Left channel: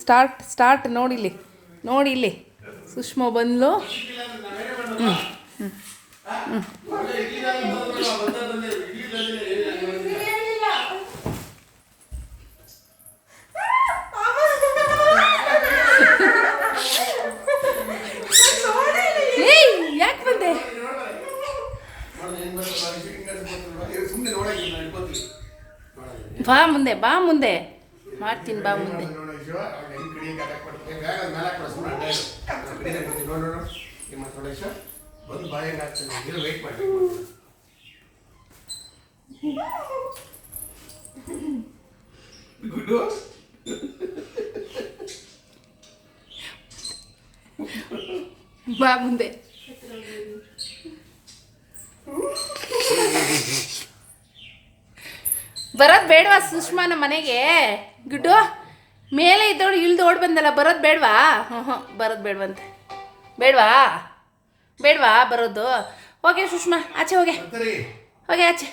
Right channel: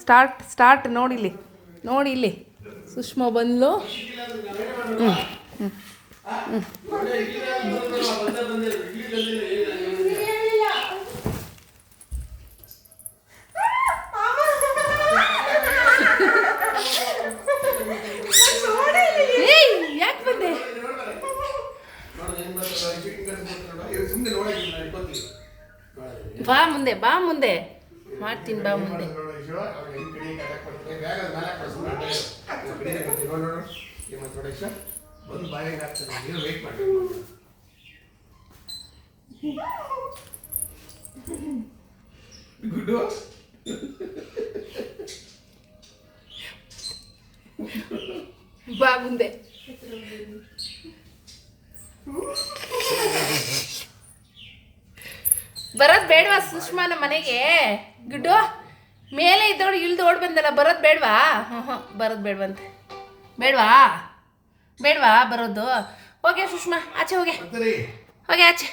Start start ನೋಡಿಲ್ಲಿ ನೋಡಿ ಇಲ್ಲಿ. ಸುಷ್ಮಾ ಯಾಕೆ ಬಂದೆ? ಇಟ್ಕೊತೀವಿ ಬಾ ಮುಂದೆ ಬಾ ಮುಂದೆ. ಮಾಡ್ತೀನಿ ಬಾ ಮುಂದೆ. ಗುಡ್ಡು ಬಾ ಮುಂದೆ. ಬರೋದ್ ಬೇಡವಾ ಸುಷ್ಮಾ ನಮ್ಮ ಮನೆಗೆ? ಗುಡ್ಡು ಮೇಲೆ ಇದ್ದವಳು ಇಳ್ದು ಓಡ್ ಬಂದಲ್ಲ ಬರೋದು ಬೇಡವಾ? ಹ್ಞೂ ಹ್ಞೂ ಬರೋದು ಬೇಡವಂತೆ. ಬೇಡವಾ? ಬೇಡವಾ ಬರೋದು? ಓಕೆ ಸುಷ್ಮಾ ಆಚೆ ಹೋಗಿ. ಹೋಗೆ ಆಚೆ.